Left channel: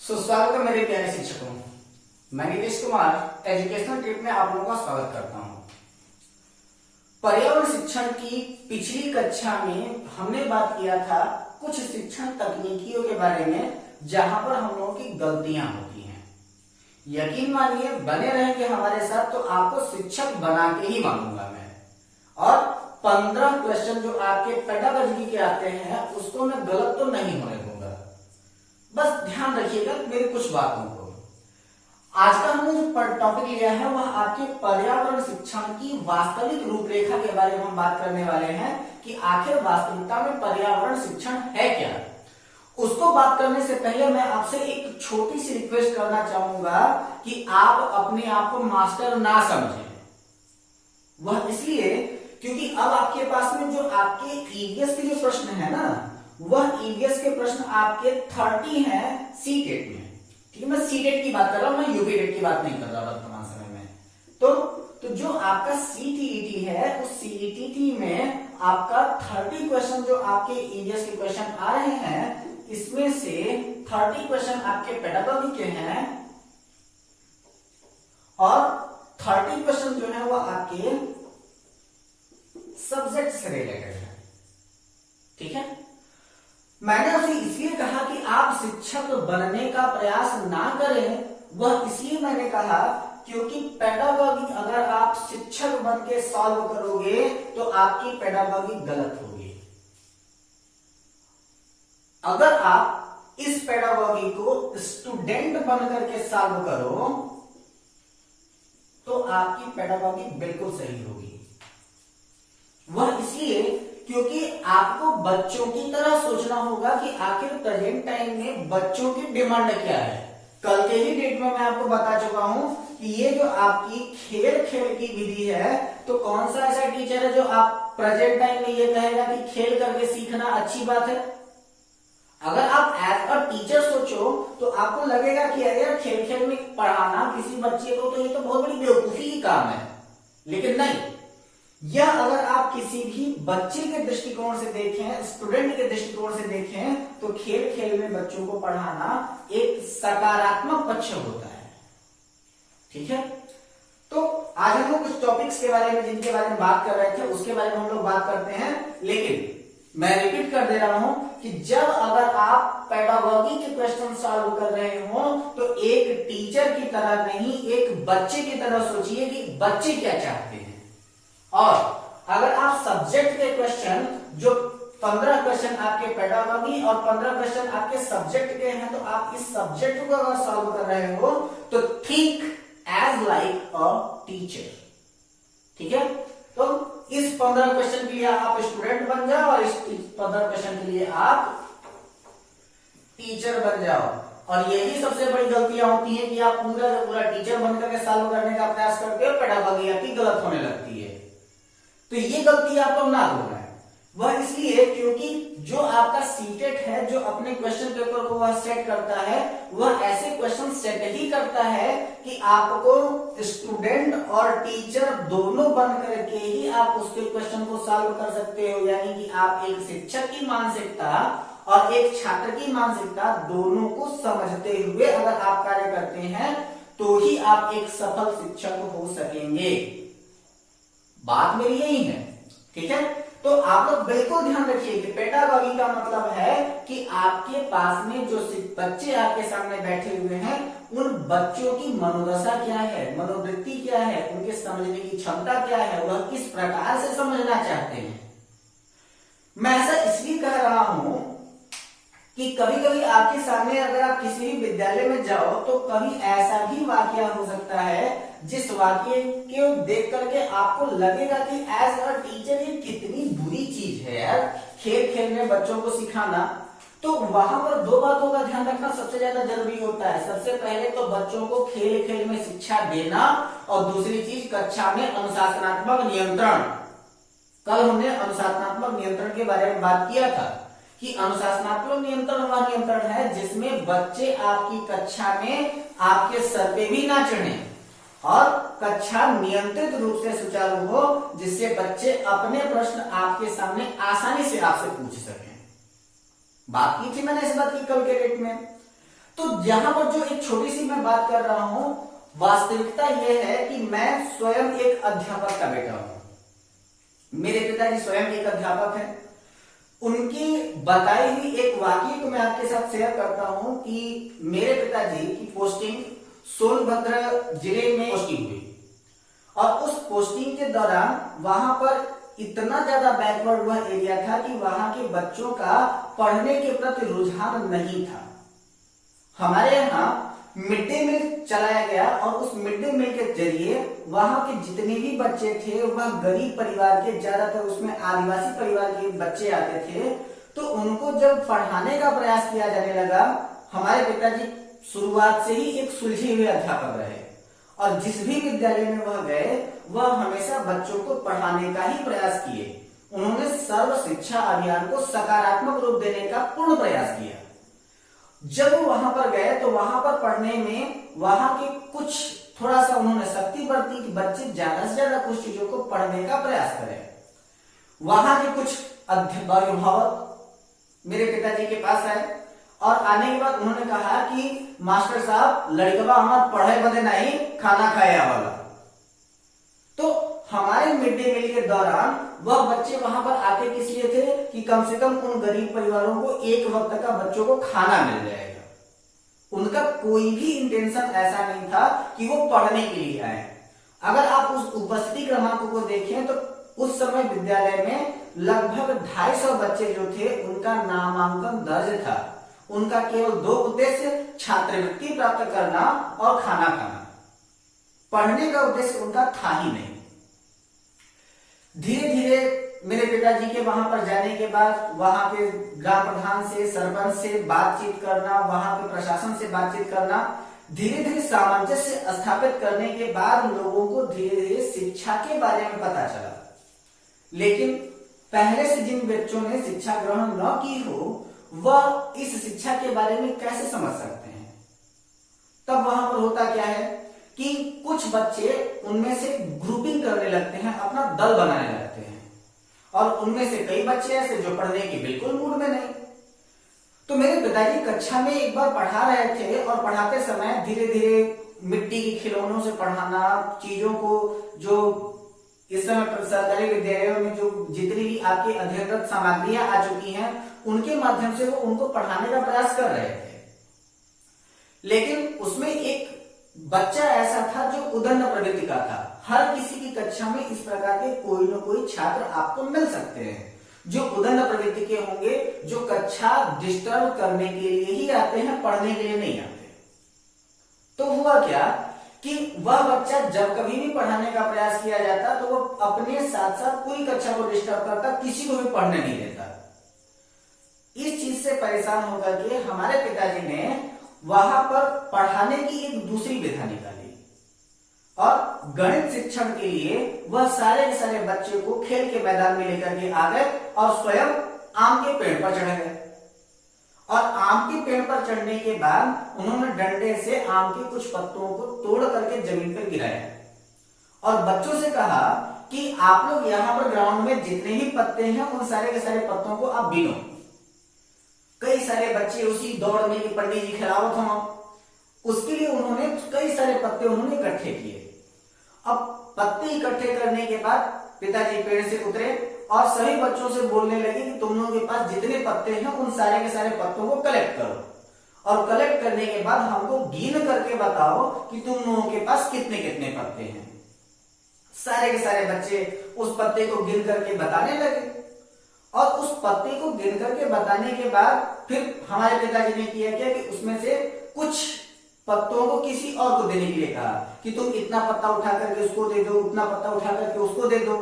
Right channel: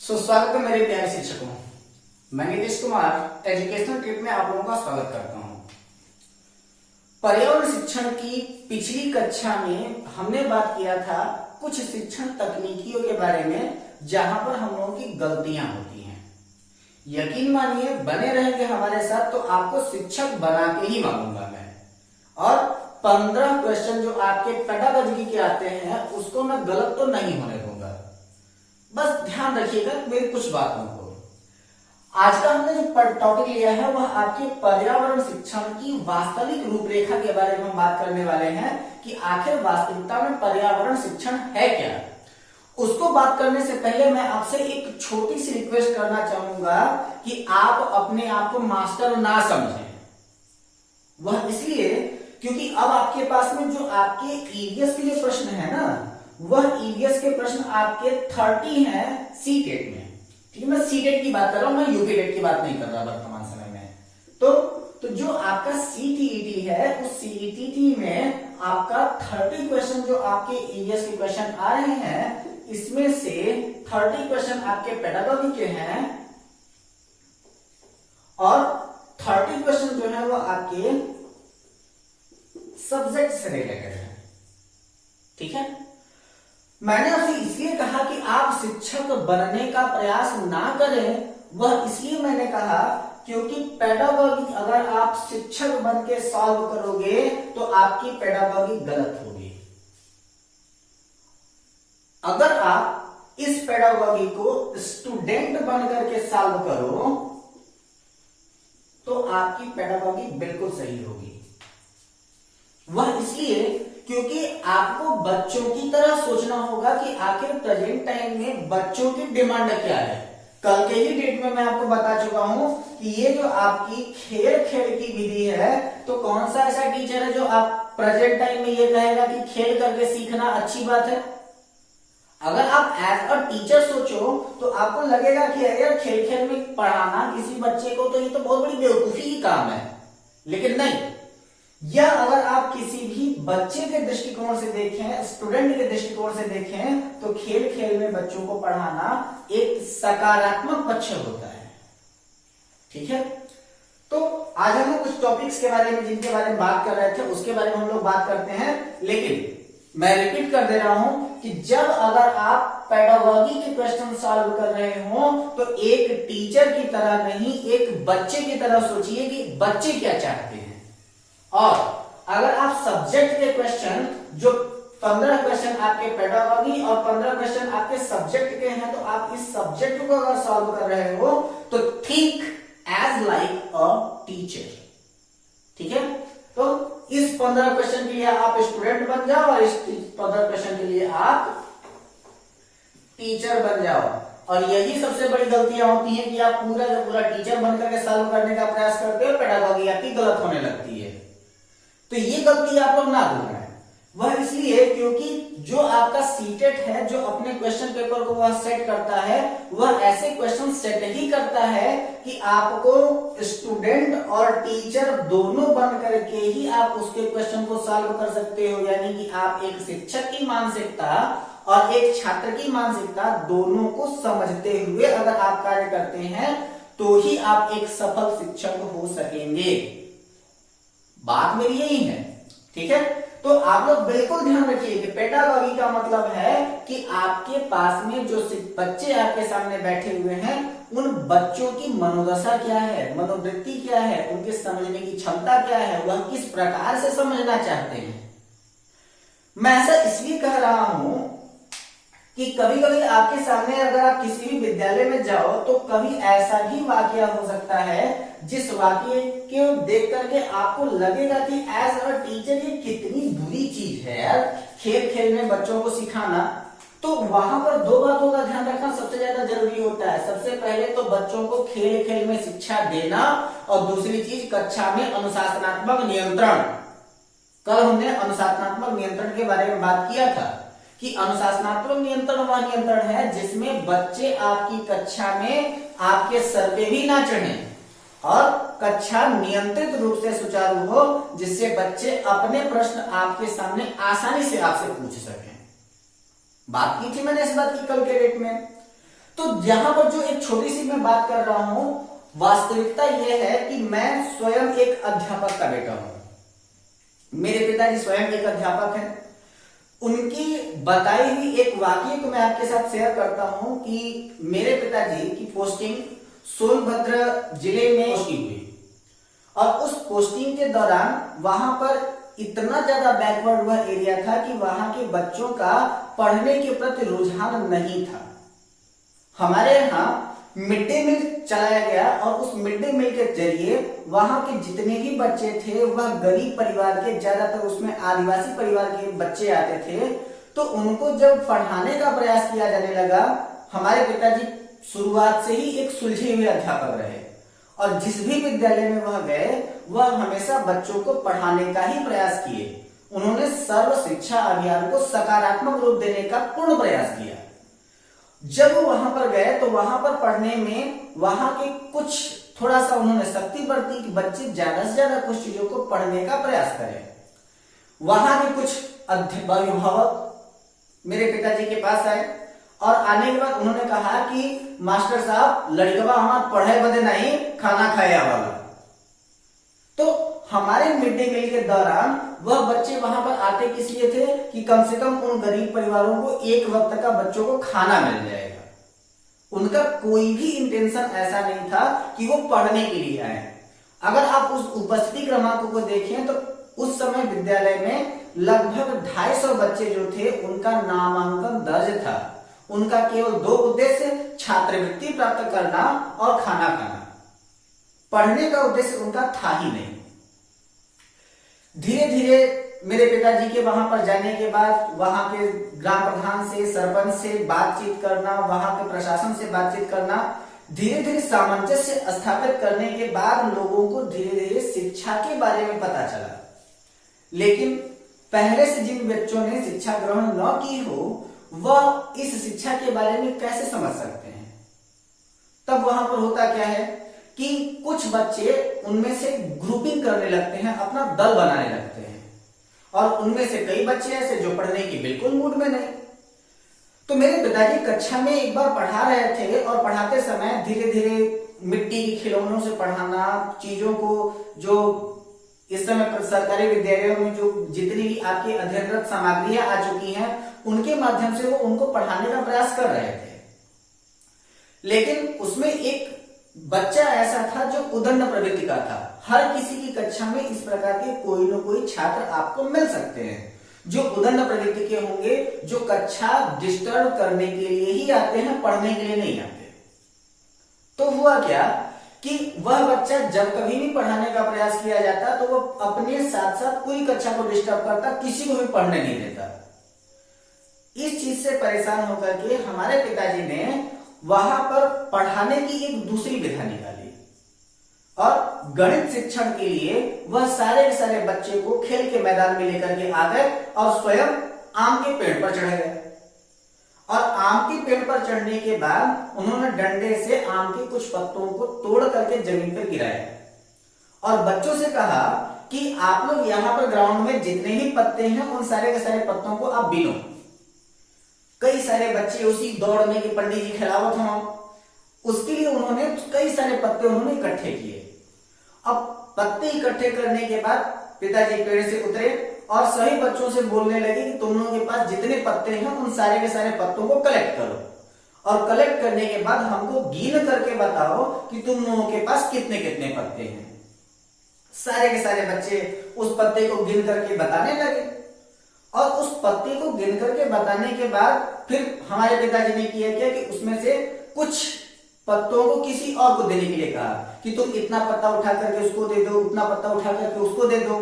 स्वागत है मेरे प्यारे शिक्षकों। मैं नीतीश कुमार एजुकेशनल ट्रिप में आप लोगों का स्वागत करता हूं। पर्यावरण शिक्षण की पिछली कक्षा में हमने बात किया था कुछ शिक्षण तकनीकियों के बारे में जहां पर हम लोगों की गलतियां होती हैं। यकीन मानिए बने रहेंगे हमारे साथ तो आपको शिक्षक बना के ही मानूंगा मैं। और 15 क्वेश्चन जो आपके पेडागॉजी के आते हैं उसको मैं गलत तो नहीं होने दूंगा। बस ध्यान रखिएगा मेरी कुछ बातों को। आज का हमने जो टॉपिक लिया है वह आपके पर्यावरण शिक्षण की वास्तविक रूपरेखा के बारे में हम बात करने वाले हैं कि आखिर वास्तविकता में पर्यावरण शिक्षण है क्या। उसको बात करने से पहले मैं आपसे एक छोटी सी रिक्वेस्ट करना चाहूंगा कि आप अपने आप को मास्टर ना समझें। वह इसलिए क्योंकि अब आपके पास में जो आपके ईवीएस के जो प्रश्न है ना, वह ईवीएस के प्रश्न आपके 30 हैं सीटेट में। ठीक है, मैं सीटेट की बात कर रहा हूं, मैं यूपीटेट की बात नहीं कर रहा वर्तमान समय में। तो जो आपका सीटीईटी है उस सीटीईटी में आपका 30 क्वेश्चन जो आपके ईवीएस के क्वेश्चन आ रहे हैं, इसमें से 30 क्वेश्चन आपके पेडागॉजी के हैं और 30 क्वेश्चन जो है वो आपके सब्जेक्ट से रिलेटेड है। ठीक है, मैंने आपसे इसलिए कहा कि आप शिक्षक बनने का प्रयास ना करें। वह इसलिए मैंने कहा क्योंकि पेडागॉजी अगर आप शिक्षक बन के सॉल्व करोगे तो आपकी पेडागॉजी गलत होगी। अगर आप इस पेडागॉजी को स्टूडेंट बन करके सॉल्व करो तो आपकी पेडागॉजी बिल्कुल सही होगी। वह इसलिए क्योंकि आपको बच्चों की तरह सोचना होगा कि आखिर प्रेजेंट टाइम में बच्चों की डिमांड क्या है। कल के ही डेट में मैं आपको बता चुका हूं कि ये जो आपकी खेल की विधि है, तो कौन सा ऐसा टीचर है जो आप प्रेजेंट टाइम में ये कहेगा कि खेल करके सीखना अच्छी बात है। अगर आप एज अ टीचर सोचो तो आपको लगेगा कि यार खेल में पढ़ाना किसी बच्चे को तो ये तो बहुत बड़ी बेवकूफी की काम है। लेकिन नहीं, या अगर आप किसी भी बच्चे के दृष्टिकोण से देखें, स्टूडेंट के दृष्टिकोण से देखें, तो खेल में बच्चों को पढ़ाना एक सकारात्मक पक्ष होता है। ठीक है, तो आज हम लोग कुछ टॉपिक्स के बारे में जिनके बारे में बात कर रहे थे उसके बारे में हम लोग बात करते हैं। लेकिन मैं रिपीट कर दे रहा हूं कि जब अगर आप पेडागॉजी के क्वेश्चन सॉल्व कर रहे हो तो एक टीचर की तरह नहीं, एक बच्चे की तरह सोचिए कि बच्चे क्या चाहते हैं। और अगर आप सब्जेक्ट के क्वेश्चन जो 15 क्वेश्चन आपके पेडागॉजी और 15 क्वेश्चन आपके सब्जेक्ट के हैं, तो आप इस सब्जेक्ट को अगर सॉल्व कर रहे हो तो think as like a teacher. ठीक है, तो इस 15 क्वेश्चन के लिए आप स्टूडेंट बन जाओ और इस 15 क्वेश्चन के लिए आप टीचर बन जाओ। और यही सबसे बड़ी गलतियां होती है कि आप पूरा का पूरा टीचर बनकर के सॉल्व करने का प्रयास करते हो, पेडागॉजी आपकी गलत होने लगती है। तो ये गलती आप लोग ना करना है। वह इसलिए क्योंकि जो आपका सीटेट है जो अपने क्वेश्चन पेपर को वह सेट करता है, वह ऐसे क्वेश्चन सेट ही करता है कि आपको स्टूडेंट और टीचर दोनों बन करके ही आप उसके क्वेश्चन को सॉल्व कर सकते हो। यानी कि आप एक शिक्षक की मानसिकता और एक छात्र की मानसिकता दोनों को समझते हुए अगर आप कार्य करते हैं तो ही आप एक सफल शिक्षक हो सकेंगे। बात मेरी यही है। ठीक है, तो आप लोग बिल्कुल ध्यान रखिए कि पेडागॉजी का मतलब है कि आपके पास में जो बच्चे आपके सामने बैठे हुए हैं उन बच्चों की मनोदशा क्या है, मनोवृत्ति क्या है, उनके समझने की क्षमता क्या है, वह किस प्रकार से समझना चाहते हैं। मैं ऐसा इसलिए कह रहा हूं कि कभी कभी आपके सामने अगर आप किसी भी विद्यालय में जाओ तो कभी ऐसा भी वाकया हो सकता है जिस वाक्य को देख करके आपको लगेगा कि एज अ टीचर ये कितनी बुरी चीज है यार, खेल में बच्चों को सिखाना। तो वहां पर दो बातों का ध्यान रखना सबसे ज्यादा जरूरी होता है। सबसे पहले तो बच्चों को खेल में शिक्षा देना और दूसरी चीज कक्षा में अनुशासनात्मक नियंत्रण। कल हमने अनुशासनात्मक नियंत्रण के बारे में बात किया था कि अनुशासनात्मक नियंत्रण वह नियंत्रण है जिसमें बच्चे आपकी कक्षा में आपके सर पे भी ना चढ़े और कक्षा नियंत्रित रूप से सुचारू हो, जिससे बच्चे अपने प्रश्न आपके सामने आसानी से आपसे पूछ सकें। बात की थी मैंने इस बात की कल के डेट में। तो यहां पर जो एक छोटी सी मैं बात कर रहा हूं, वास्तविकता यह है कि मैं स्वयं एक अध्यापक का बेटा हूं। मेरे पिताजी स्वयं एक अध्यापक हैं। उनकी बताई हुई एक वाकई को मैं आपके साथ शेयर करता हूं कि मेरे पिताजी की पोस्टिंग सोनभद्र जिले में पोस्टिंग हुई और उस पोस्टिंग के दौरान वहां पर इतना ज्यादा बैकवर्ड हुआ एरिया था कि वहां के बच्चों का पढ़ने के प्रति रुझान नहीं था। हमारे यहाँ मिड डे मील चलाया गया और उस मिड डे मील के जरिए वहां के जितने भी बच्चे थे वह गरीब परिवार के, ज्यादातर उसमें आदिवासी परिवार के बच्चे आते थे। तो उनको जब पढ़ाने का प्रयास किया जाने लगा, हमारे पिताजी शुरुआत से ही एक सुलझे हुए अध्यापक रहे और जिस भी विद्यालय में वह गए वह हमेशा बच्चों को पढ़ाने का ही प्रयास किए। उन्होंने सर्व शिक्षा अभियान को सकारात्मक रूप देने का पूर्ण प्रयास किया। जब वो वहां पर गए तो वहां पर पढ़ने में वहां के कुछ थोड़ा सा उन्होंने सख्ती बरती कि बच्चे ज्यादा से ज्यादा कुछ चीजों को पढ़ने का प्रयास करें। वहां के कुछ अभिभावक मेरे पिताजी के पास आए और आने के बाद उन्होंने कहा कि मास्टर साहब, लड़कवा हमार पढ़े बदे नहीं, खाना खाए वाला। तो हमारे मिड डे मील के दौरान वह बच्चे वहां पर आते किस लिए थे कि कम से कम उन गरीब परिवारों को एक वक्त का बच्चों को खाना मिल जाएगा। उनका कोई भी इंटेंशन ऐसा नहीं था कि वो पढ़ने के लिए आए। अगर आप उस उपस्थिति क्रमांक को देखें तो उस समय विद्यालय में लगभग 250 बच्चे जो थे उनका नामांकन दर्ज था। उनका केवल 2 उद्देश्य, छात्रवृत्ति प्राप्त करना और खाना खाना। पढ़ने का उद्देश्य उनका था ही नहीं। धीरे धीरे मेरे पिताजी के वहां पर जाने के बाद वहां के ग्राम प्रधान से, सरपंच से बातचीत करना, वहां के प्रशासन से बातचीत करना, धीरे धीरे सामंजस्य स्थापित करने के बाद लोगों को धीरे धीरे शिक्षा के बारे में पता चला। लेकिन पहले से जिन बच्चों ने शिक्षा ग्रहण न की हो वह इस शिक्षा के बारे में कैसे समझ सकते हैं। तब वहां पर होता क्या है कि कुछ बच्चे उनमें से ग्रुपिंग करने लगते हैं, अपना दल बनाने लगते हैं और उनमें से कई बच्चे ऐसे जो पढ़ने की बिल्कुल मूड में नहीं। तो मेरे पिताजी कक्षा में एक बार पढ़ा रहे थे और पढ़ाते समय धीरे धीरे मिट्टी के खिलौनों से पढ़ाना, चीजों को जो इस समय सरकारी विद्यालयों में जो जितनी भी आपकी अध्ययनरत सामग्रियां आ चुकी हैं उनके माध्यम से वो उनको पढ़ाने का प्रयास कर रहे थे। लेकिन उसमें एक बच्चा ऐसा था जो उदंड प्रवृत्ति का था। हर किसी की कक्षा में इस प्रकार के कोई न कोई छात्र आपको मिल सकते हैं जो उदंड प्रवृत्ति के होंगे, जो कक्षा डिस्टर्ब करने के लिए ही आते हैं, पढ़ने के लिए नहीं आते। तो हुआ क्या कि वह बच्चा जब कभी भी पढ़ाने का प्रयास किया जाता तो वह अपने साथ साथ पूरी कक्षा को डिस्टर्ब करता, किसी को भी पढ़ने नहीं देता। इस चीज से परेशान होकर के हमारे पिताजी ने वहां पर पढ़ाने की एक दूसरी विधा निकाली और गणित शिक्षण के लिए वह सारे के सारे बच्चे को खेल के मैदान में लेकर के आ गए और स्वयं आम के पेड़ पर चढ़ गए। और आम के पेड़ पर चढ़ने के बाद उन्होंने डंडे से आम के कुछ पत्तों को तोड़ करके जमीन पर गिराया और बच्चों से कहा कि आप लोग यहाँ पर ग्राउंड में जितने भी पत्ते हैं उन सारे के सारे पत्तों को आप बीनो। कई सारे बच्चे उसी दौड़ में कि पंडित जी खिलावत हों, उसके लिए उन्होंने कई सारे पत्ते उन्होंने इकट्ठे किए। अब पत्ते इकट्ठे करने के बाद पिताजी पेड़ से उतरे और सभी बच्चों से बोलने लगे कि तुम लोगों के पास जितने पत्ते हैं उन सारे के सारे पत्तों को कलेक्ट करो और कलेक्ट करने के बाद हमको गिन करके बताओ कि तुम लोगों के पास कितने कितने पत्ते हैं। सारे के सारे बच्चे उस पत्ते को गिन करके बताने लगे और उस पत्ते को गिन करके बताने के बाद फिर हमारे पिताजी ने किया क्या कि उसमें से कुछ पत्तों को किसी और को देने के लिए कहा कि तुम इतना पत्ता उठा करके उसको दे दो, उतना पत्ता उठा करके उसको दे दो।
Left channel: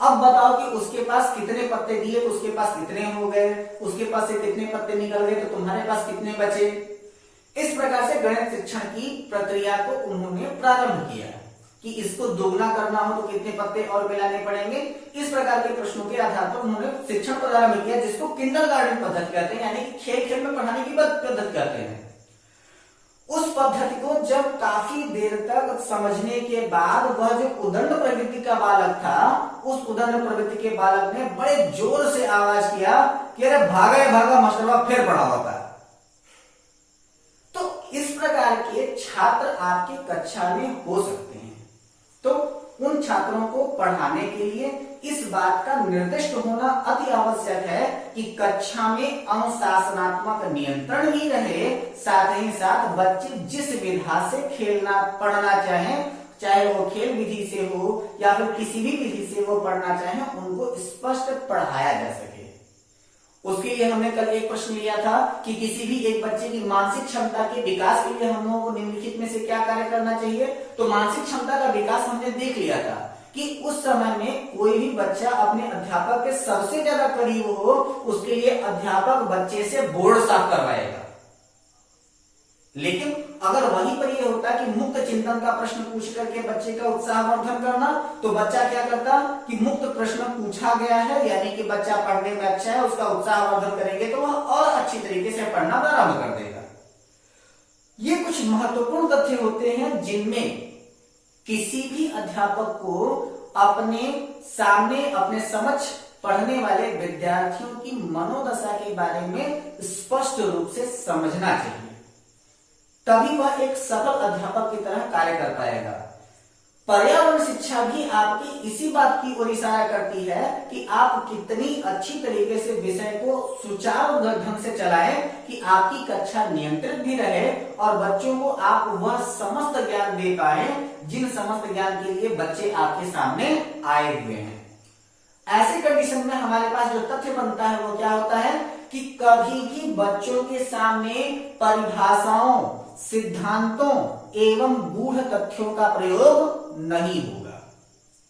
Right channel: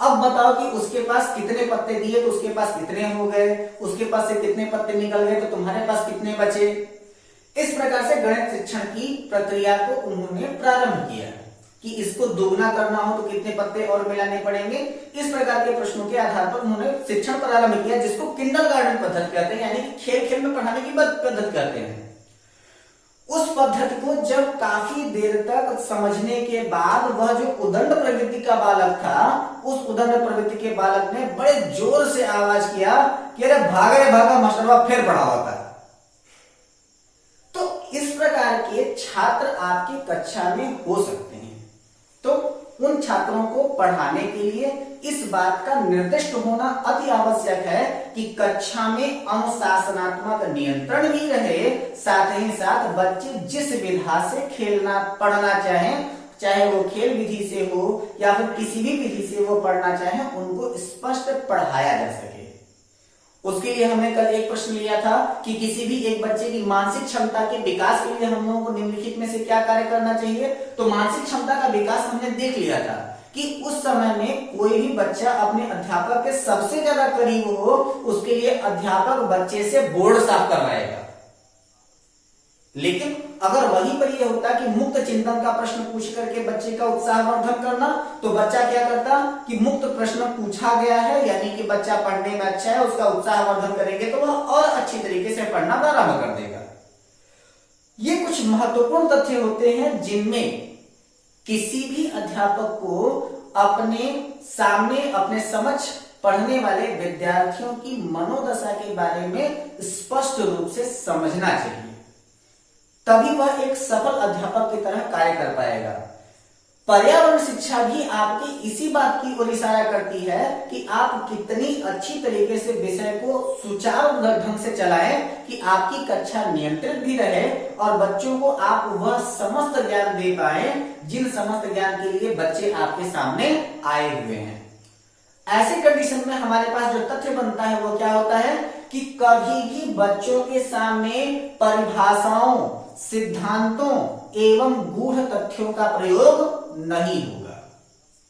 अब बताओ कि उसके पास कितने पत्ते दिए तो उसके पास कितने हो गए, उसके पास से कितने पत्ते निकल गए तो तुम्हारे पास कितने बचे। इस प्रकार से गणित शिक्षण की प्रक्रिया को उन्होंने प्रारंभ किया कि इसको दोगुना करना हो तो कितने पत्ते और मिलाने पड़ेंगे। इस प्रकार के प्रश्नों के आधार पर उन्होंने शिक्षण प्रारंभ किया जिसको किंडरगार्टन पद्धति कहते हैं, यानी कि खेल खेल में पढ़ाने की पद्धति कहते हैं। उस पद्धति को जब काफी देर तक समझने के बाद वह जो उदंड प्रवृत्ति का बालक था उस उदंड प्रवृत्ति के बालक ने बड़े जोर से आवाज किया कि अरे भागा भागा मास्टरवा फिर पढ़ा होता। इस प्रकार के छात्र आपकी कक्षा में हो सकते हैं। तो उन छात्रों को पढ़ाने के लिए इस बात का निर्दिष्ट होना अति आवश्यक है कि कक्षा में अनुशासनात्मक नियंत्रण भी रहे, साथ ही साथ बच्चे जिस विधा से खेलना पढ़ना चाहें, चाहे वो खेल विधि से हो या फिर किसी भी विधि से वो पढ़ना चाहें, उनको स्पष्ट पढ़ाया जा सके। उसके लिए हमने कल एक प्रश्न लिया था कि किसी भी एक बच्चे की मानसिक क्षमता के विकास के लिए हम लोगों को निम्नलिखित में से क्या कार्य करना चाहिए। तो मानसिक क्षमता का विकास हमने देख लिया था कि उस समय में कोई भी बच्चा अपने अध्यापक के सबसे ज्यादा करीब हो, उसके लिए अध्यापक बच्चे से बोर्ड साफ करवाएगा। लेकिन अगर वहीं पर यह होता कि मुक्त चिंतन का प्रश्न पूछ करके बच्चे का उत्साहवर्धन करना, तो बच्चा क्या करता कि मुक्त प्रश्न पूछा गया है यानी कि बच्चा पढ़ने में अच्छा है, उसका उत्साहवर्धन करेंगे तो वह और अच्छी तरीके से पढ़ना प्रारंभ कर देगा। ये कुछ महत्वपूर्ण तथ्य होते हैं जिनमें किसी भी अध्यापक को अपने सामने अपने समक्ष पढ़ने वाले विद्यार्थियों की मनोदशा के बारे में स्पष्ट रूप से समझना चाहिए, तभी वह एक सफल अध्यापक की तरह कार्य कर पाएगा। पर्यावरण शिक्षा भी आपकी इसी बात की ओर इशारा करती है कि आप कितनी अच्छी तरीके से विषय को सुचारू ढंग से चलाएं कि आपकी कक्षा नियंत्रित भी रहे और बच्चों को आप वह समस्त ज्ञान दे पाए जिन समस्त ज्ञान के लिए बच्चे आपके सामने आए हुए हैं। ऐसे कंडीशन में हमारे पास जो तथ्य बनता है वो क्या होता है कि कभी भी बच्चों के सामने परिभाषाओं, सिद्धांतों एवं गूढ़ तथ्यों का प्रयोग नहीं होगा।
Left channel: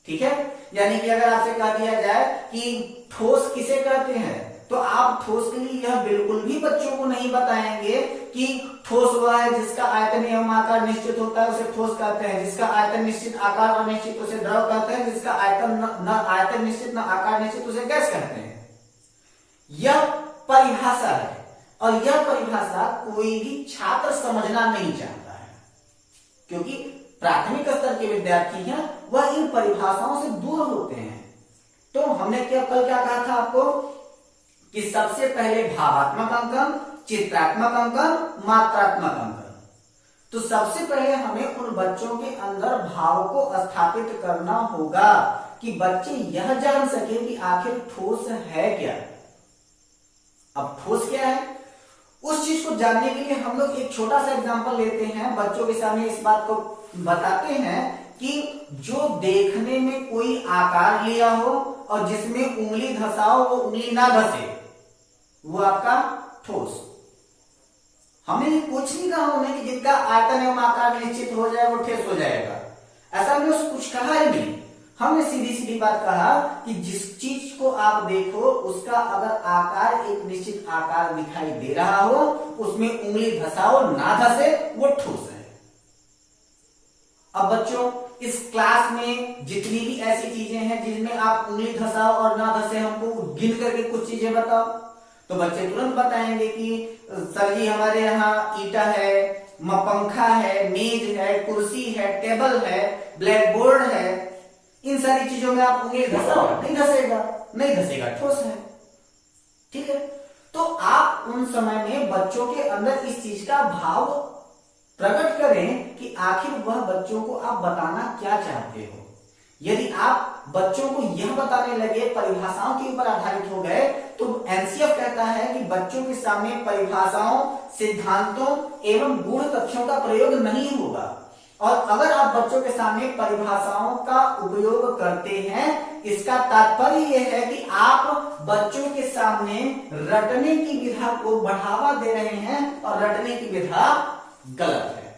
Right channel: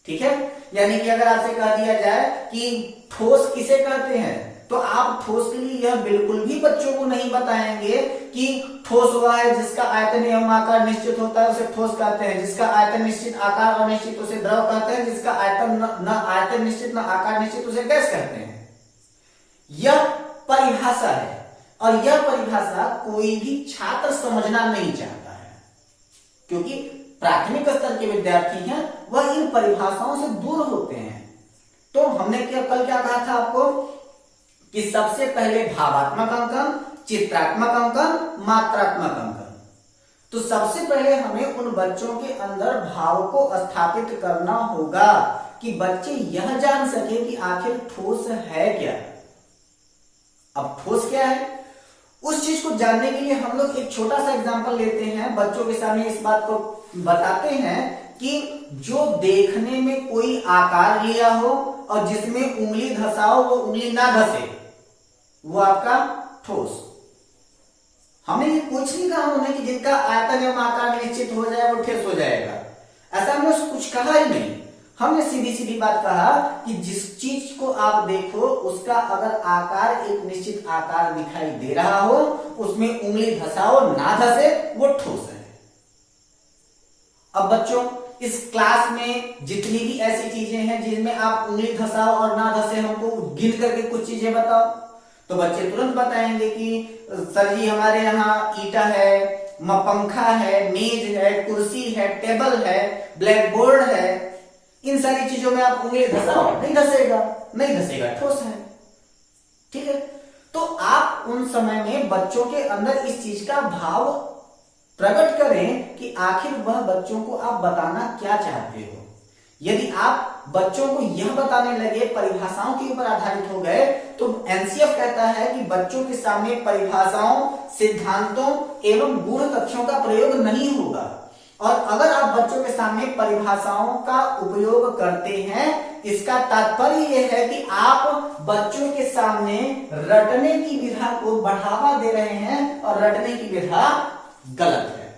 ठीक है, यानी कि अगर आपसे कह दिया जाए कि ठोस किसे कहते हैं, तो आप ठोस के लिए यह बिल्कुल भी बच्चों को नहीं बताएंगे कि ठोस वह है जिसका आयतन एवं आकार निश्चित होता है उसे ठोस कहते हैं, जिसका आयतन निश्चित आकार अनिश्चित उसे द्रव कहते हैं, जिसका आयतन न आयतन निश्चित न आकार निश्चित उसे गैस कहते हैं। यह परिभाषा है और यह परिभाषा कोई भी छात्र समझना नहीं चाहता है, क्योंकि प्राथमिक स्तर के विद्यार्थी हैं वह इन परिभाषाओं से दूर होते हैं। तो हमने कल क्या कहा था आपको कि सबसे पहले भावात्मक अंकन, चित्रात्मक अंकन, मात्रात्मक अंकन। तो सबसे पहले हमें उन बच्चों के अंदर भाव को स्थापित करना होगा कि बच्चे यह जान सके कि आखिर ठोस है क्या। अब ठोस क्या है, उस चीज को जानने के लिए हम लोग एक छोटा सा एग्जांपल लेते हैं, बच्चों के सामने इस बात को बताते हैं कि जो देखने में कोई आकार लिया हो और जिसमें उंगली धसाओ वो उंगली ना धसे, वो आपका ठोस। हमने ये कुछ नहीं कहा उन्हें कि जिनका आयतन एवं आकार निश्चित हो जाए वो ठोस हो जाएगा, ऐसा हमने कुछ कहा ही नहीं। हमने सीधी सीधी बात कहा कि जिस चीज को आप देखो उसका अगर आकार एक निश्चित आकार दिखाई दे रहा हो, उसमें उंगली धसाओ ना धसे वो ठोस है। अब बच्चों इस क्लास में जितनी भी ऐसी चीजें हैं जिनमें आप उंगली धसाओ और ना धसे, हमको गिन करके कुछ चीजें बताओ, तो बच्चे तुरंत बताएंगे कि सर जी हमारे यहाँ ईटा है, पंखा है, मेज है, कुर्सी है, टेबल है, ब्लैक बोर्ड है। इन सारी चीजों में आप उंगली धसाओ, नहीं धसेगा, ठोस है। ठीक है, तो आप उन समय में बच्चों के अंदर इस चीज का भाव प्रकट करें कि आखिर वह बच्चों को आप बताना क्या चाहते हो। यदि आप बच्चों को यह बताने लगे, परिभाषाओं के ऊपर आधारित हो गए, तो एनसीएफ कहता है कि बच्चों के सामने परिभाषाओं, सिद्धांतों एवं गूढ़ तथ्यों का प्रयोग नहीं होगा। और अगर आप बच्चों के सामने परिभाषाओं का उपयोग करते हैं, इसका तात्पर्य यह है कि आप बच्चों के सामने रटने की विधा को बढ़ावा दे रहे हैं और रटने की विधा गलत है।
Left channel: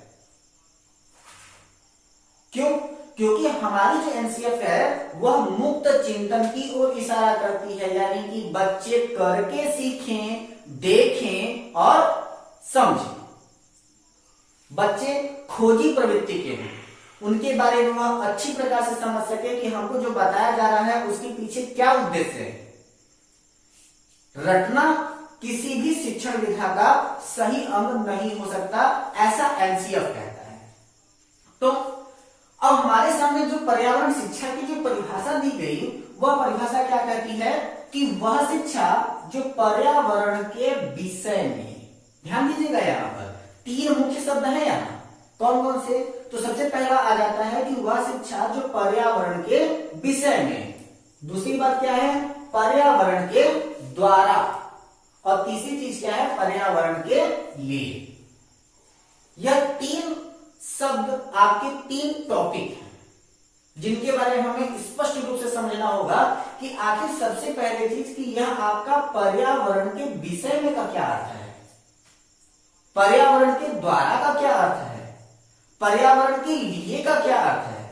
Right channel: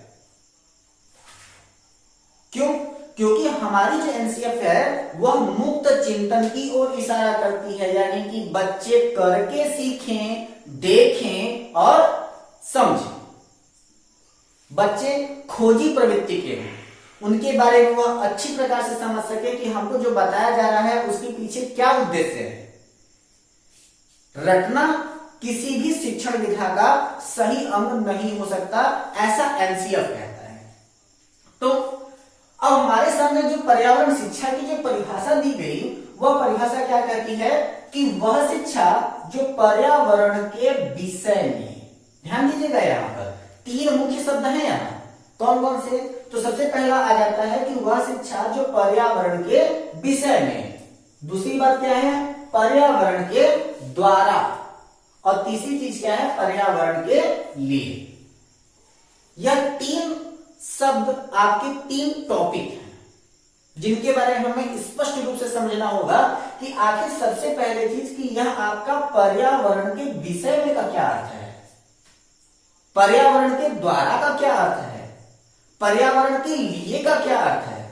क्यों? क्योंकि हमारी जो एनसीएफ है वह मुक्त चिंतन की ओर इशारा करती है, यानी कि बच्चे करके सीखें, देखें और समझें। बच्चे खोजी प्रवृत्ति के हैं, उनके बारे में वह अच्छी प्रकार से समझ सके कि हमको जो बताया जा रहा है उसके पीछे क्या उद्देश्य है। रटना किसी भी शिक्षण विधा का सही अंग नहीं हो सकता, ऐसा एनसीएफ कहता है। तो अब हमारे सामने जो पर्यावरण शिक्षा की जो परिभाषा दी गई, वह परिभाषा क्या कहती है कि वह शिक्षा जो पर्यावरण के विषय में, ध्यान दीजिएगा यहाँ पर, तीन मुख्य शब्द हैं यहाँ, कौन कौन से? तो सबसे पहला आ जाता है कि वह शिक्षा जो पर्यावरण के विषय में, दूसरी बात क्या है? पर्यावरण के द्वारा, और तीसरी चीज क्या है? पर्यावरण के लिए। यह तीन शब्द आपके तीन टॉपिक हैं जिनके बारे में हमें स्पष्ट रूप से समझना होगा कि आखिर सबसे पहले चीज कि यह आपका पर्यावरण के विषय में का क्या अर्थ है, पर्यावरण के द्वारा का क्या अर्थ है, पर्यावरण के लिए का क्या अर्थ है।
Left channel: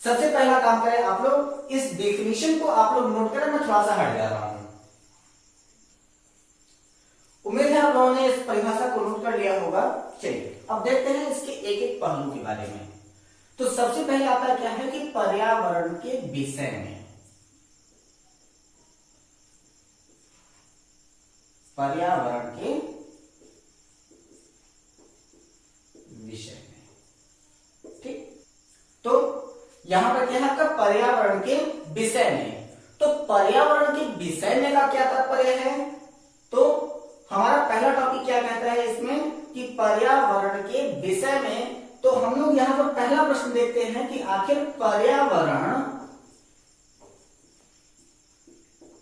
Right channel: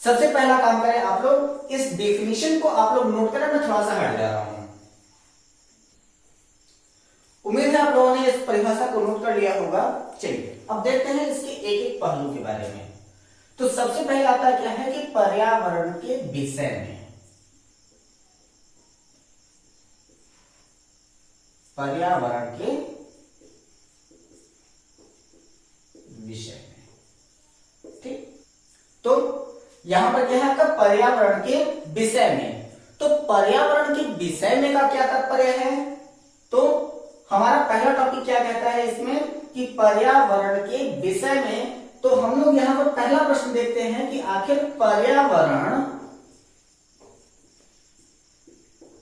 सबसे पहला काम करें आप लोग, इस डेफिनेशन को आप लोग नोट करें। मैं थोड़ा सा हट जा रहा हूं, उम्मीद है आप लोगों ने इस परिभाषा को नोट कर लिया होगा। चलिए अब देखते हैं इसके एक एक पहलू के बारे में। तो सबसे पहले आता क्या है कि पर्यावरण के विषय में, पर्यावरण के विषय में, ठीक। तो यहां पर क्या है आपका पर्यावरण के विषय में। तो पर्यावरण के विषय में का क्या तात्पर्य है? तो हमारा पहला टॉपिक क्या कहता है इसमें कि पर्यावरण के विषय में। तो हम लोग यहां पर पहला प्रश्न देखते हैं कि आखिर पर्यावरण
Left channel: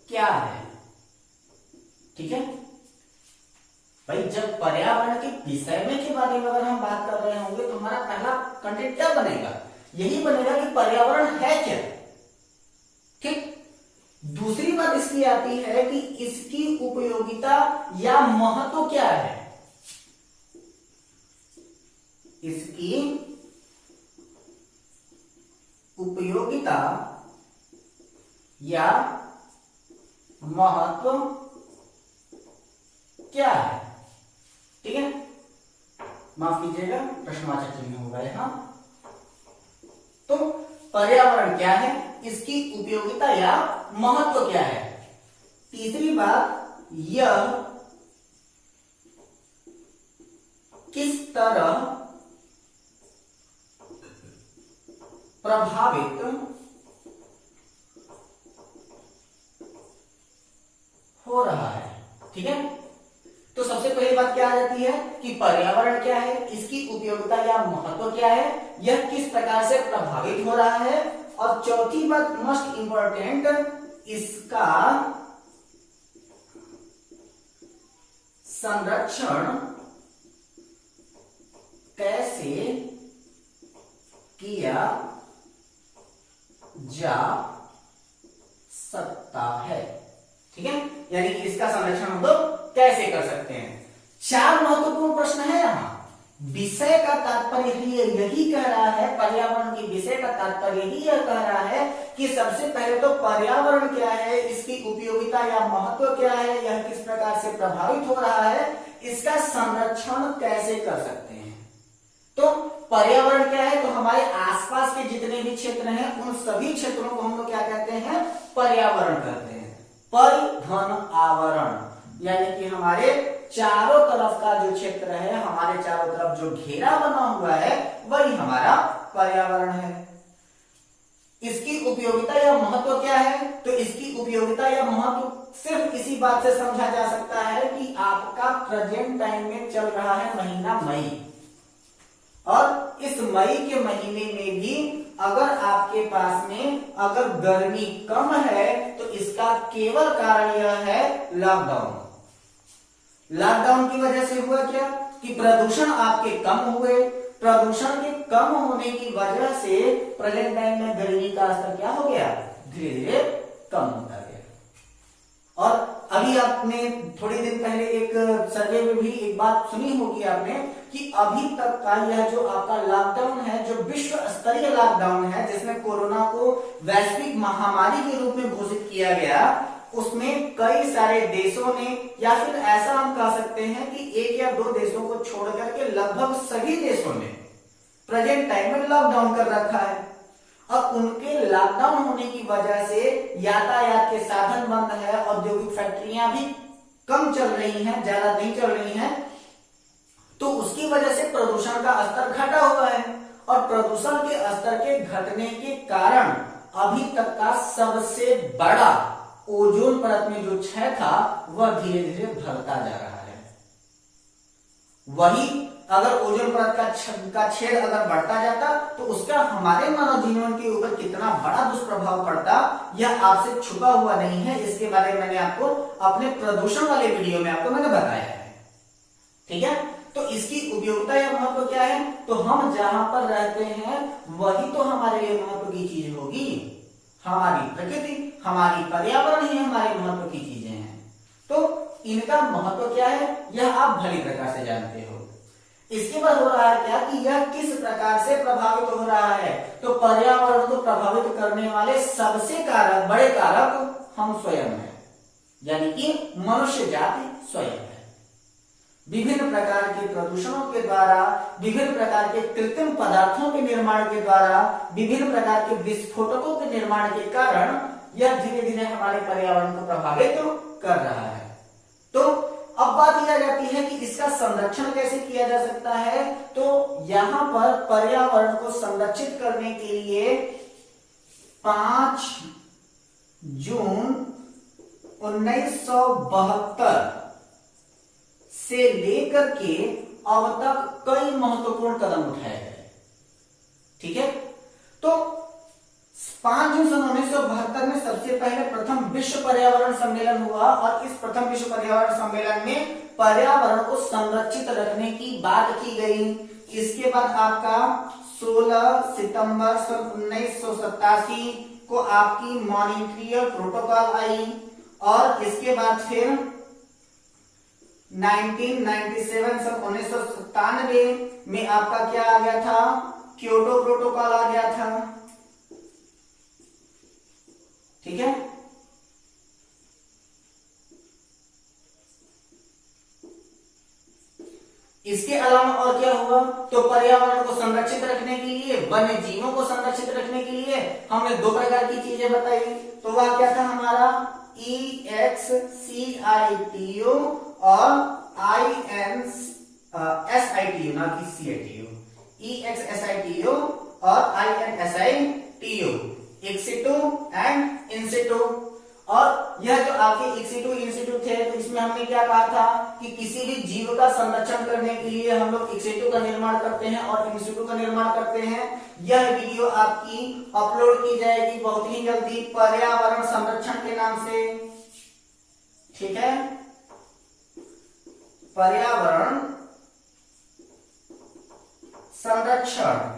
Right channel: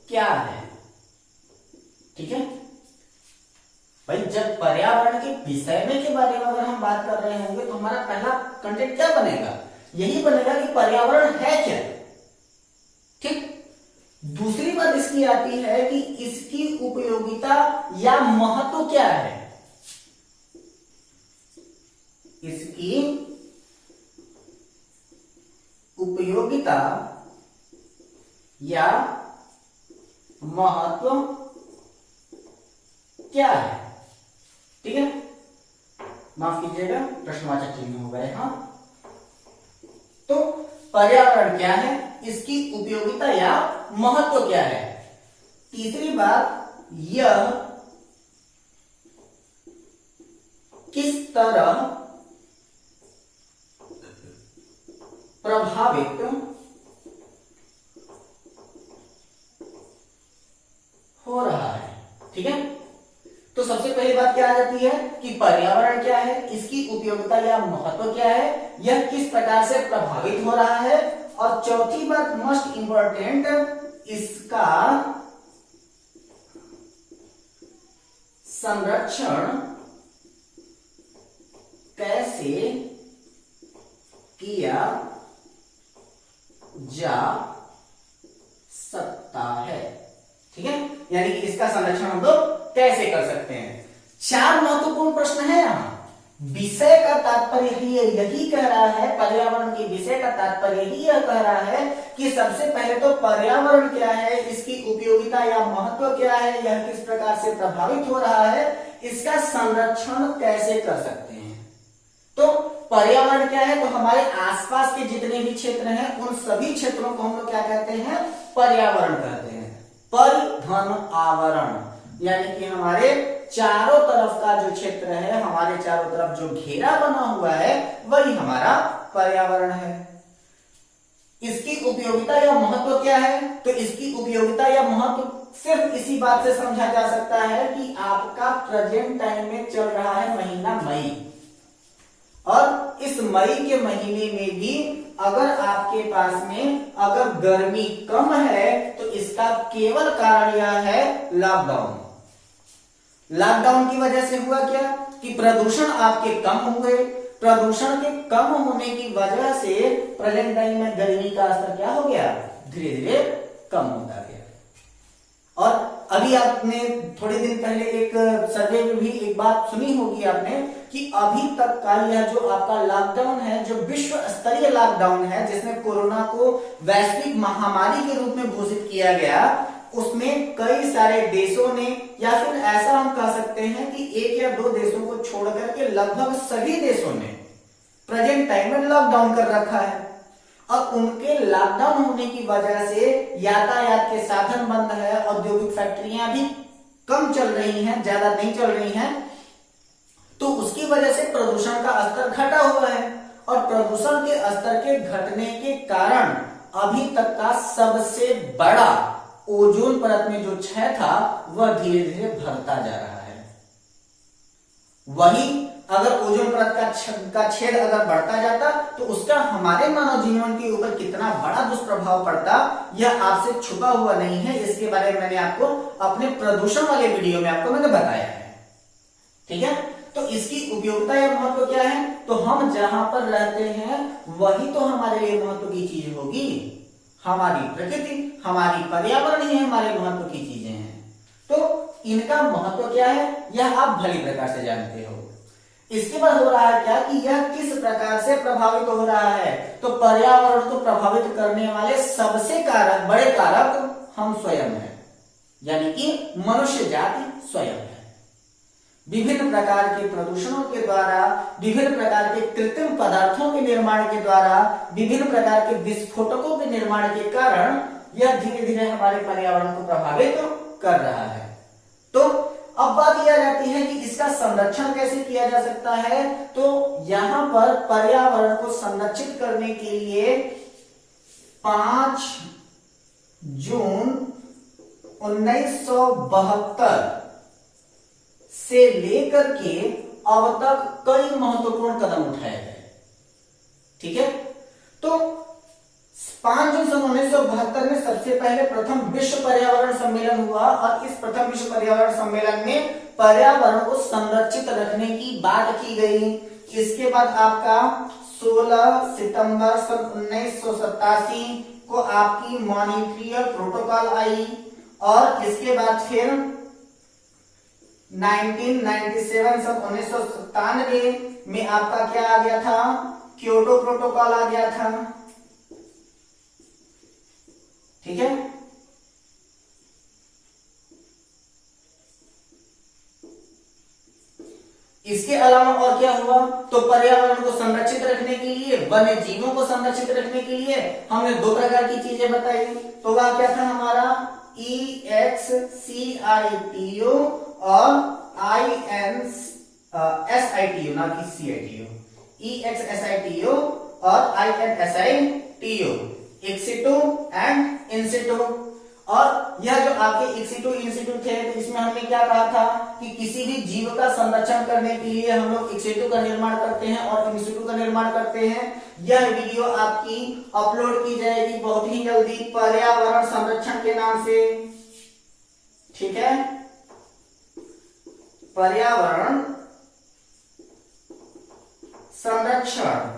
क्या है, ठीक है भाई। जब पर्यावरण के विषय में के बारे में अगर हम बात कर रहे होंगे तो हमारा पहला कंटेंट क्या बनेगा? यही बनेगा कि पर्यावरण है क्या, ठीक। दूसरी बात इसकी आती है कि इसकी उपयोगिता या महत्व क्या है, इसकी उपयोगिता या महत्व क्या है, ठीक है। माफ कीजिएगा, प्रश्नवाचक चिन्ह होगा यहां। तो पर्यावरण क्या है, इसकी उपयोगिता या महत्व क्या है। तीसरी बात, यह किस तरह प्रभावित हो रहा है, ठीक है। तो सबसे पहली बात क्या आ जाती है कि पर्यावरण क्या है, इसकी उपयोगिता या महत्व क्या है, यह किस प्रकार से प्रभावित हो रहा है, और चौथी बात मोस्ट इंपॉर्टेंट, इसका संरक्षण कैसे किया जा सकता है, ठीक है। यानी कि इसका संरक्षण हम लोग कैसे कर सकते हैं। चार महत्वपूर्ण प्रश्न है यहां। विषय का तात्पर्य यही कह रहा है, पर्यावरण के विषय का तात्पर्य ही यह कह रहा है कि सबसे पहले तो पर्यावरण क्या है, इसकी उपयोगिता या महत्व क्या है, यह किस प्रकार से प्रभावित हो रहा है, इसका संरक्षण कैसे कर सकते हैं। तो पर्यावरण क्या है? तो हमारे आसपास के जितने भी क्षेत्र हैं उन सभी क्षेत्रों को हम लोग क्या कहते हैं? पर्यावरण कहते हैं। परिघन आवरण, यानी कि हमारे चारों तरफ का जो क्षेत्र है, हमारे चारों तरफ जो घेरा बना हुआ है, वही हमारा पर्यावरण है। इसकी उपयोगिता या महत्व क्या है? तो इसकी उपयोगिता या महत्व सिर्फ इसी बात से समझा जा सकता है कि आपका प्रेजेंट टाइम में चल रहा है महीना मई, और इस मई के महीने में भी अगर आपके पास में अगर गर्मी कम है तो इसका केवल कारण यह है लॉकडाउन। लॉकडाउन की वजह से हुआ क्या कि प्रदूषण आपके कम हुए, प्रदूषण के कम होने की वजह से प्रेजेंट टाइम में गर्मी का स्तर क्या हो गया? धीरे धीरे कम होता गया। और अभी आपने थोड़ी दिन पहले एक सर्वे में भी एक बात सुनी होगी आपने कि अभी तक का यह जो आपका लॉकडाउन है, जो विश्व स्तरीय लॉकडाउन है, जिसमें कोरोना को वैश्विक महामारी के रूप में घोषित किया गया, उसमें कई सारे देशों ने, या फिर ऐसा हम कह सकते हैं कि एक या दो देशों को छोड़ करके लगभग सभी देशों ने प्रेजेंट टाइम में लॉकडाउन कर रखा है। और उनके लॉकडाउन होने की वजह से यातायात के साधन बंद है, औद्योगिक फैक्ट्रियां भी कम चल रही हैं, ज्यादा नहीं चल रही हैं, तो उसकी वजह से प्रदूषण का स्तर घटा हुआ है। और प्रदूषण के स्तर के घटने के कारण अभी तक का सबसे बड़ा ओजोन परत में जो क्षय था वह धीरे धीरे बढ़ता जा रहा है। वही अगर ओजोन परत का छेद अगर बढ़ता जाता तो उसका हमारे मानव जीवन के ऊपर कितना बड़ा दुष्प्रभाव पड़ता, यह आपसे छुपा हुआ नहीं है। इसके बारे में मैंने आपको अपने प्रदूषण वाले वीडियो में आपको मैंने बताया है। ठीक है, तो इसकी उपयोगिता या महत्व क्या है? तो हम जहां पर रहते हैं वही तो हमारे लिए महत्व की चीज होगी। हमारी प्रकृति, हमारी पर्यावरण ही हमारे महत्व की चीजें हैं। तो इनका महत्व क्या है यह आप भली प्रकार से जानते हो। इसके बाद हो रहा है क्या कि यह किस प्रकार से प्रभावित हो रहा है? तो पर्यावरण को प्रभावित करने वाले सबसे बड़े कारक हम स्वयं हैं, यानी कि मनुष्य जाति स्वयं है। विभिन्न प्रकार के प्रदूषणों के द्वारा, विभिन्न प्रकार के कृत्रिम पदार्थों के निर्माण के द्वारा, विभिन्न प्रकार के विस्फोटकों के निर्माण के कारण यह धीरे धीरे हमारे पर्यावरण को प्रभावित कर रहा है। तो अब बात यह आ जाती है कि इसका संरक्षण कैसे किया जा सकता है? तो यहां पर पर्यावरण को संरक्षित करने के लिए 5 जून 1972 से लेकर के अब तक कई महत्वपूर्ण कदम उठाए गए। ठीक है, तो 5 जून 1972 में सबसे पहले प्रथम विश्व पर्यावरण सम्मेलन हुआ और इस प्रथम विश्व पर्यावरण सम्मेलन में पर्यावरण को संरक्षित रखने की बात की गई। इसके बाद आपका 16 सितंबर सन 1987 को आपकी मॉन्ट्रियल प्रोटोकॉल आई और इसके बाद फिर 1997 सन 1997 में आपका क्या आ गया था? क्योटो प्रोटोकॉल आ गया था। ठीक है, इसके अलावा और क्या हुआ? तो पर्यावरण को संरक्षित रखने के लिए, वन्य जीवों को संरक्षित रखने के लिए हमने 2 प्रकार की चीजें बताई। तो वह क्या था हमारा? EXCITO और INSITO, ना कि CITO। EXSITO और INSITO, एक्सिटो एंड इंसिटो। और यह जो आपके एक्सिटो इंसिटो थे तो इसमें हमने क्या कहा था कि किसी भी जीव का संरक्षण करने के लिए हम लोग एक्सिटो का निर्माण करते हैं और इंसिटो का निर्माण करते हैं। यह वीडियो आपकी अपलोड की जाएगी बहुत ही जल्दी पर्यावरण संरक्षण के नाम से। ठीक है, पर्यावरण संरक्षण।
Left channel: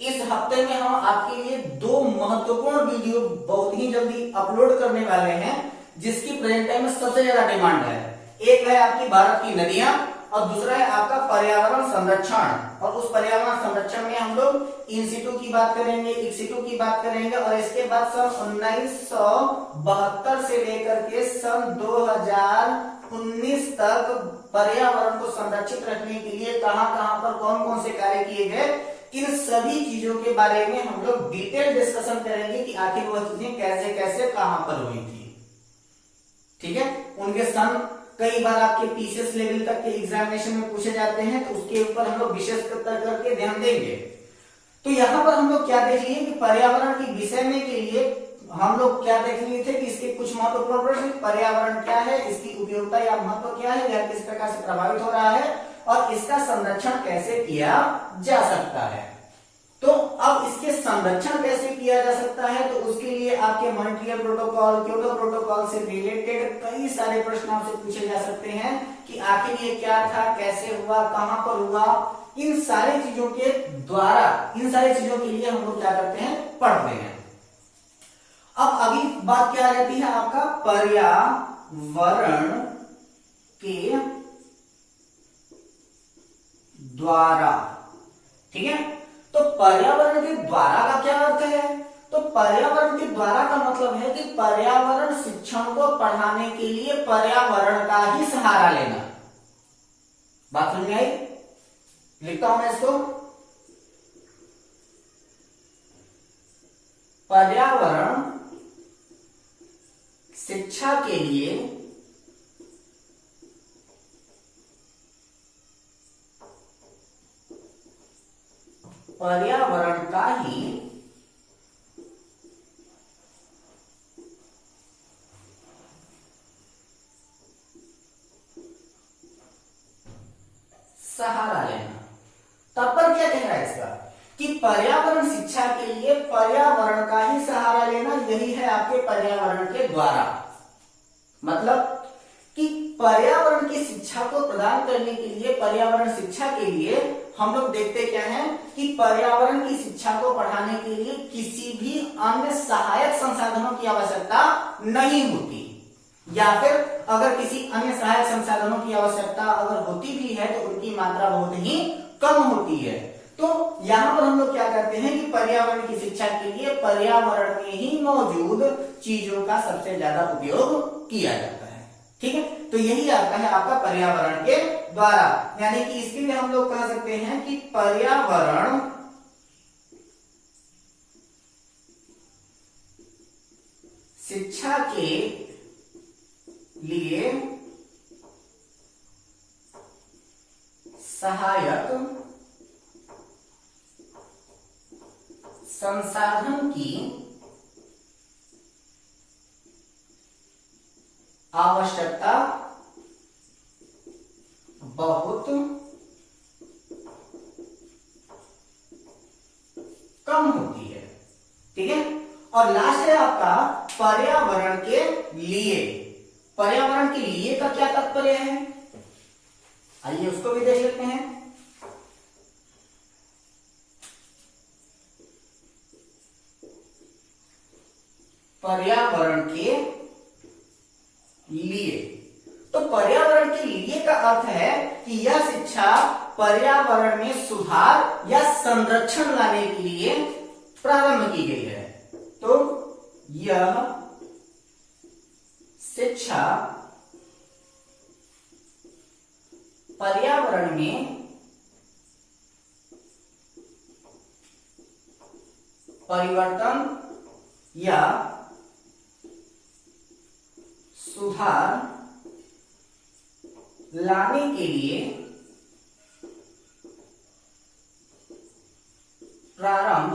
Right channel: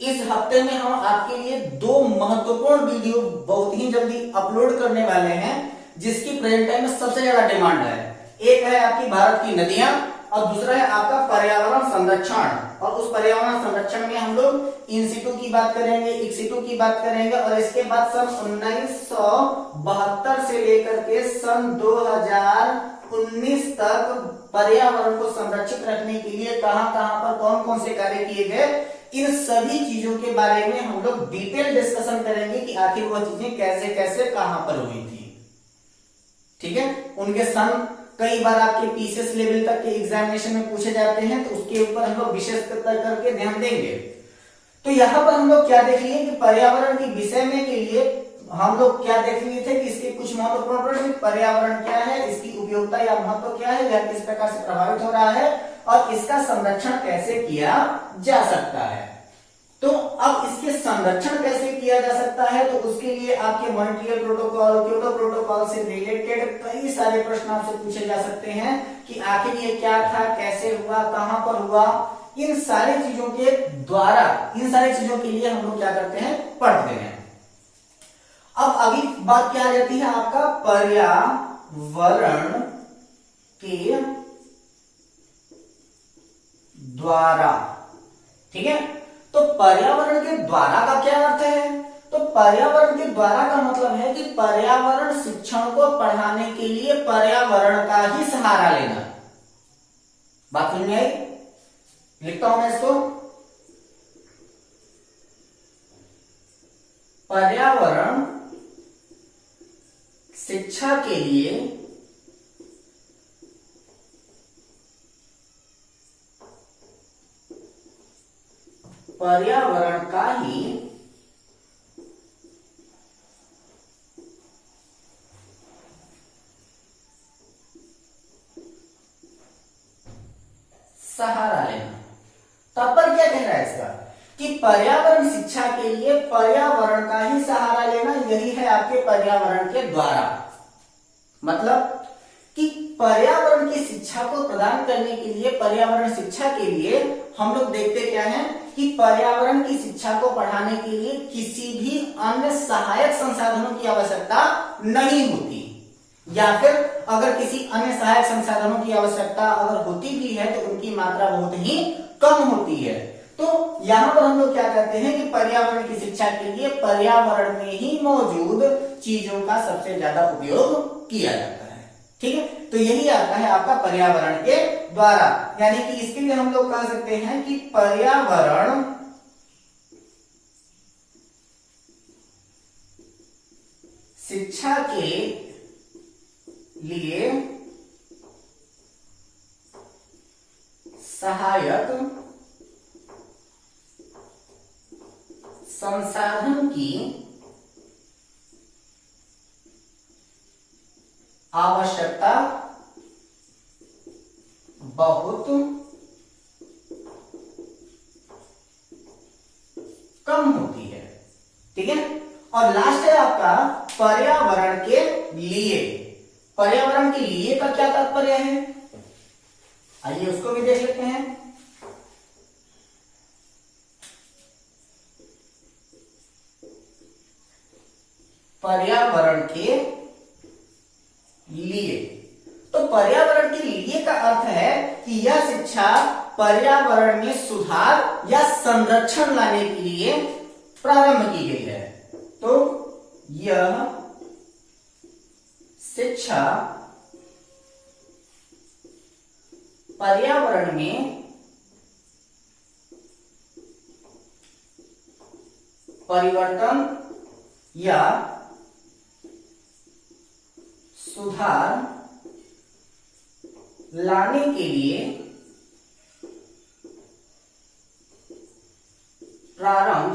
इस हफ्ते में हम आपके लिए 2 महत्वपूर्ण वीडियो बहुत ही जल्दी अपलोड करने वाले हैं जिसकी प्रेजेंट टाइम में सबसे ज्यादा डिमांड है। एक है आपकी भारत की नदियां और दूसरा है आपका पर्यावरण संरक्षण। और उस पर्यावरण संरक्षण में हम लोग इंसिटू की बात करेंगे, एक्सिटू की बात करेंगे और इसके बाद सन 1972 से लेकर के सन 2019 तक पर्यावरण को संरक्षित रखने के लिए कहां कहां पर कौन कौन से कार्य किए गए, इन सभी चीजों के बारे में हम लोग डिटेल डिस्कशन करेंगे कि आखिर वह चीजें कैसे कैसे कहां पर हुई थी। ठीक है, उनके सन कई बार आपके पीसीएस लेवल तक के एग्जामिनेशन में पूछे जाते हैं तो उसके ऊपर हम लोग विशेष करके ध्यान देंगे। तो यहां पर हम लोग क्या देख लिए कि पर्यावरण के विषय में के लिए हम लोग क्या देख लिए थे कि इसके कुछ महत्वपूर्ण प्रश्न, पर्यावरण क्या है, इसकी उपयोगिता या महत्व क्या है, यह किस प्रकार से प्रभावित हो रहा है और इसका संरक्षण कैसे किया जा सकता है। तो अब इसके संरक्षण कैसे किया जा सकता है तो उसके लिए आपके मॉन्ट्रियल प्रोटोकॉल, क्योटो प्रोटोकॉल से रिलेटेड कई सारे प्रश्न आपसे पूछे जा सकते हैं कि आखिर ये क्या था, कैसे हुआ, कहां पर हुआ। इन सारी चीजों के द्वारा, इन सारी चीजों के लिए हम लोग क्या करते हैं, पढ़ते हैं। अब अभी बात क्या आ जाती है आपका पर्यावरण के द्वारा। ठीक है, तो पर्यावरण के द्वारा का क्या अर्थ है? तो पर्यावरण के द्वारा का मतलब है कि पर्यावरण शिक्षण को पढ़ाने के लिए पर्यावरण का ही सहारा लेना। बात समझ में आई? लिखता हूं मैं इसको, पर्यावरण शिक्षा के लिए पर्यावरण का ही सहारा लेना। तब पर क्या कह रहा है इसका कि पर्यावरण शिक्षा के लिए पर्यावरण का ही सहारा लेना, यही है आपके पर्यावरण के द्वारा। मतलब कि पर्यावरण की शिक्षा को प्रदान करने के लिए, पर्यावरण शिक्षा के लिए हम लोग देखते क्या है कि पर्यावरण की शिक्षा को पढ़ाने के लिए किसी भी अन्य सहायक संसाधनों की आवश्यकता नहीं होती, या फिर अगर किसी अन्य सहायक संसाधनों की आवश्यकता अगर होती भी है तो उनकी मात्रा बहुत ही कम होती है। तो यहां पर हम लोग क्या कहते हैं कि पर्यावरण की शिक्षा के लिए पर्यावरण में ही मौजूद चीजों का सबसे ज्यादा उपयोग किया जाता है। ठीक है, तो यही आता है आपका पर्यावरण के द्वारा, यानी कि इसके लिए हम लोग कह सकते हैं कि पर्यावरण शिक्षा के लिए सहायक संसाधन की आवश्यकता बहुत कम होती है। ठीक है, और लास्ट है आपका पर्यावरण के लिए। पर्यावरण के लिए का क्या तात्पर्य है, आइए उसको भी देख लेते हैं। पर्यावरण के लिए, तो पर्यावरण के लिए का अर्थ है कि यह शिक्षा पर्यावरण में सुधार या संरक्षण लाने के लिए प्रारंभ की गई है। तो यह शिक्षा पर्यावरण में परिवर्तन या सुधार लाने के लिए प्रारंभ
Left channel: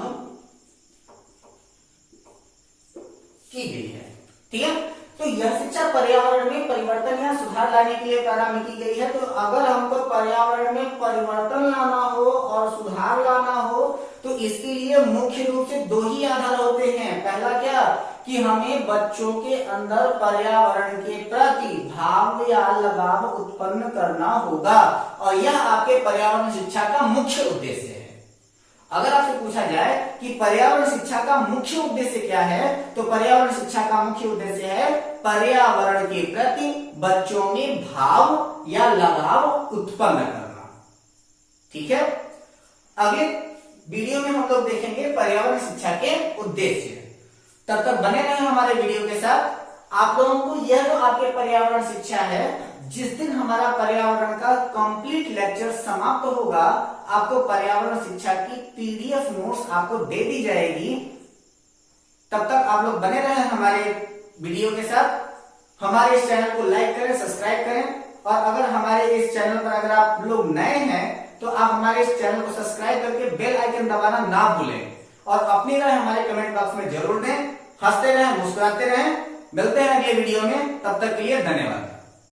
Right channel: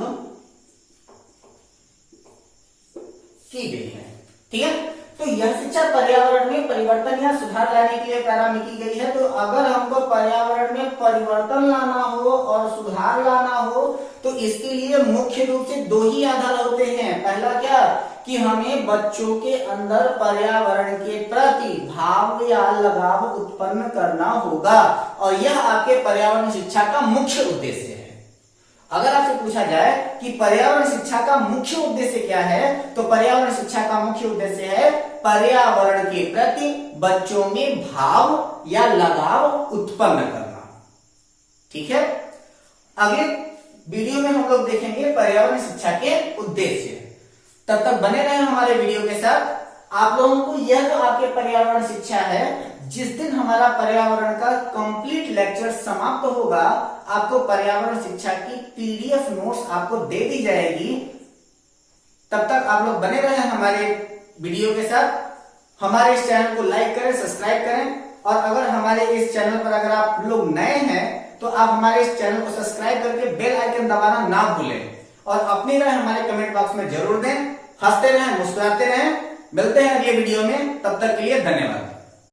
की गई है। ठीक है, तो यह शिक्षा पर्यावरण में परिवर्तन या सुधार लाने के लिए प्रारंभ की गई है। तो अगर हमको पर्यावरण में परिवर्तन लाना हो और सुधार लाना हो तो इसके लिए मुख्य रूप से दो ही आधार होते हैं। पहला क्या कि हमें बच्चों के अंदर पर्यावरण के प्रति भाव या लगाव उत्पन्न करना होगा, और यह आपके पर्यावरण शिक्षा का मुख्य उद्देश्य है। अगर आपसे पूछा जाए कि पर्यावरण शिक्षा का मुख्य उद्देश्य क्या है, तो पर्यावरण शिक्षा का मुख्य उद्देश्य है पर्यावरण के प्रति बच्चों में भाव या लगाव उत्पन्न करना। ठीक है, अगले वीडियो में हम लोग देखेंगे पर्यावरण शिक्षा के उद्देश्य। तब तक बने रहे हमारे वीडियो के साथ। आप लोगों को यह जो आपके पर्यावरण शिक्षा है, जिस दिन हमारा पर्यावरण का कंप्लीट लेक्चर समाप्त होगा, आपको पर्यावरण शिक्षा की पीडीएफ नोट्स आपको दे दी जाएगी। तब तक आप लोग बने रहे हमारे वीडियो के साथ। हमारे इस चैनल को लाइक करें, सब्सक्राइब करें, और अगर हमारे इस चैनल पर अगर आप लोग नए हैं तो आप हमारे इस चैनल को सब्सक्राइब करके बेल आइकन दबाना ना भूलें, और अपनी राय हमारे कमेंट बॉक्स में जरूर दें। हंसते रहें, मुस्कुराते रहें। मिलते हैं अगले वीडियो में, तब तक के लिए धन्यवाद।